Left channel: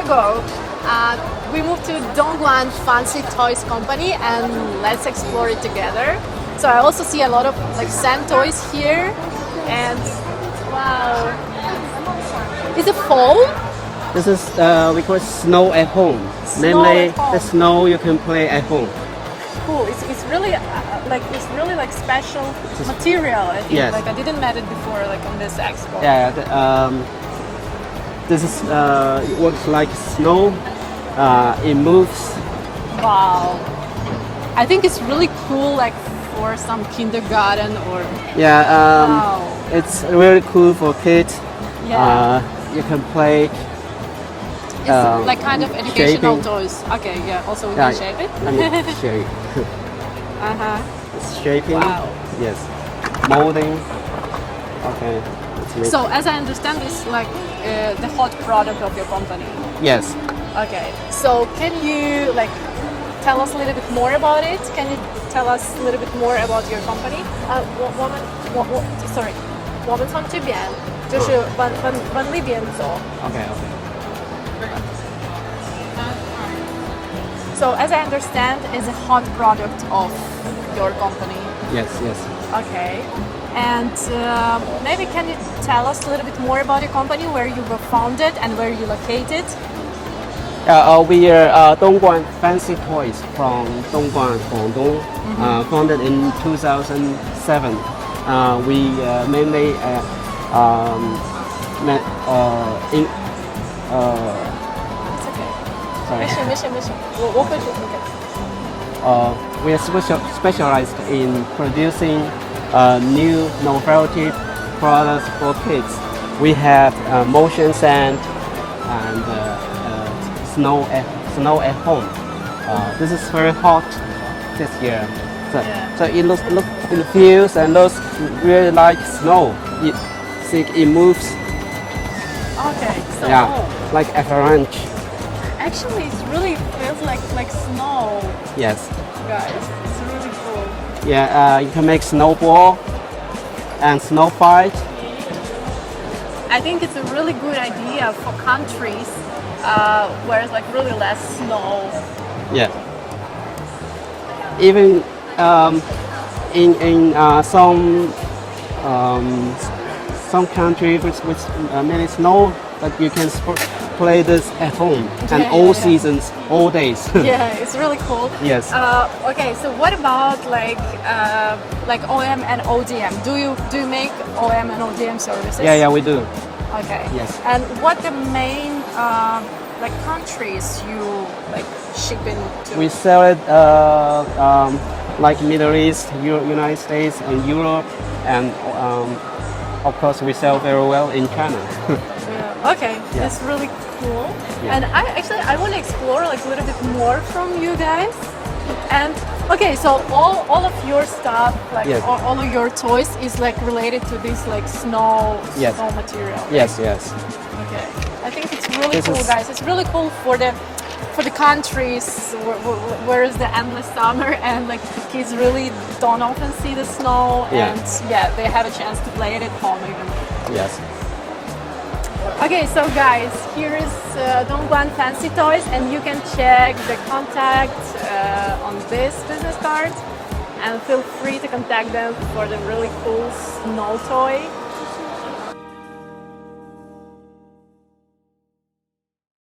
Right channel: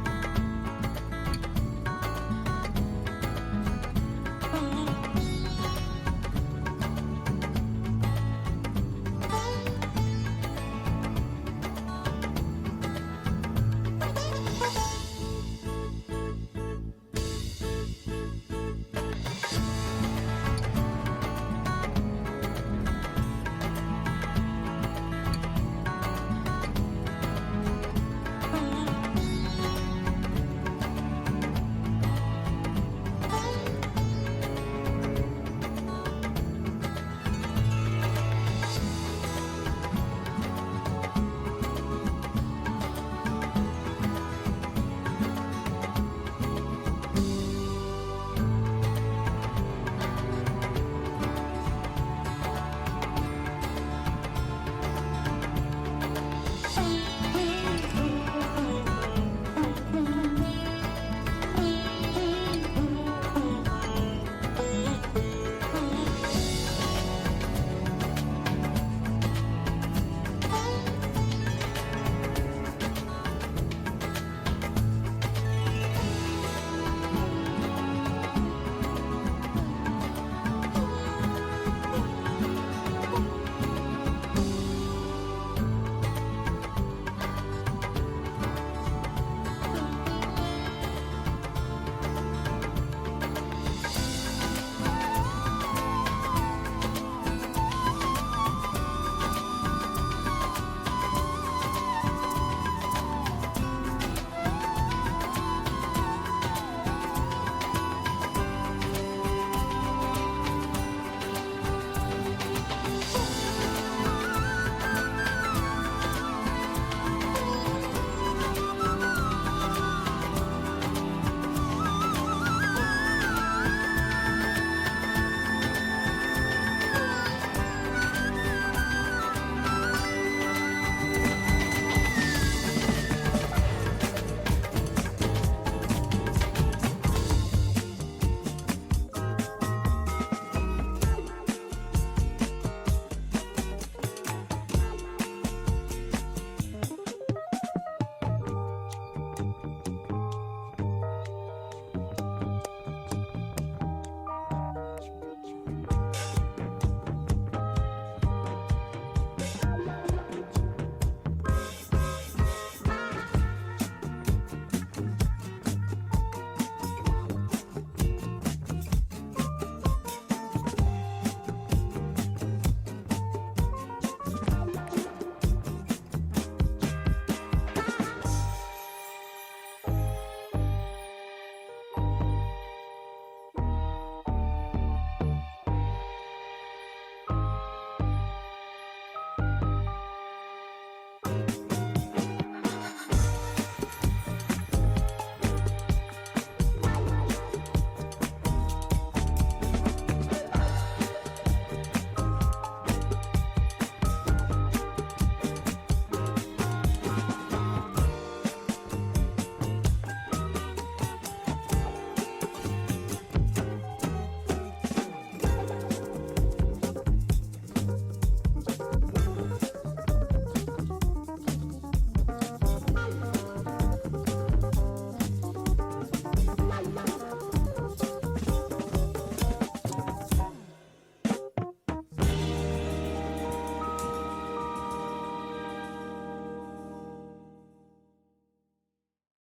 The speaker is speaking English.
ago, we moved to Dongguan Fanssi Toys Company, and let's explore it together. So I also see a lot of like sand toys here, and wow, is it foam? This is we call it snow at home. Namely, the snow you can play at home. Cool. It's really like special material. I think. Yes. Like I didn't met it before, like on this expo. Yeah. This is it works like snow. It moves. Wow. I think it's really cool, like for some kindergarten or. Yeah. Wow. It's really cool for kids. Yeah. You can play. It's like kind of educational shaping. toys. Okay, yeah. Also, we can shape it. I mean, shape. It's shaping. Wow. Yes. Molding. Okay. So, as I understand, it's like the hot product of your company. Yes. Okay. So, can you like tell us a little bit more about it? Can you tell us a little bit more about your company? 我们从这边就是往那边走。Okay. So, as I understand, it's a hot product of your company. Yes. Okay. And maybe can you tell us a little bit more about your company, where you were founded and where you located? We are Dongguan Fancy Toys from Dongguan, Guangdong, founded in 2007. We mainly we are specialized in producing new novelty products for kids. We have motion sand and snow at home. This is very hot this year. So it feels and looks really like snow. It moves. Okay. So Like avalanche. actually, it really feels like snow. Yes. Guys, it's really cool. Yeah, you can make snowball and snow fight. I think it's a really good idea for countries where it's like really less snow. Yeah. Even in some countries which many snow, but you can play this at home and all seasons, all days. Yeah, it's really cool. Yes. Okay, so what about like OEM and ODM? Do you make OEM and ODM services? Yeah, we do. Okay. Yes. And what the main like countries you like ship into? We sell it like Middle East, United States, and Europe, and of course we sell very well in China. Yeah. Okay, that's really cool. Yeah. And I want to explore like a little bit more from you guys. And okay, so all of your stuff, like all of your toys, is like related to this like snow material. Yes. Okay, I think it's really cool, guys. It's really cool for the countries where is the endless summer and like kids really don't often see the snow, and they have a chance to play it at home even. Yes. Okay, so guys, here is Dongguan Fancy Toys, and you can check the contact on this business card, and feel free to contact them for the really cool snow toy.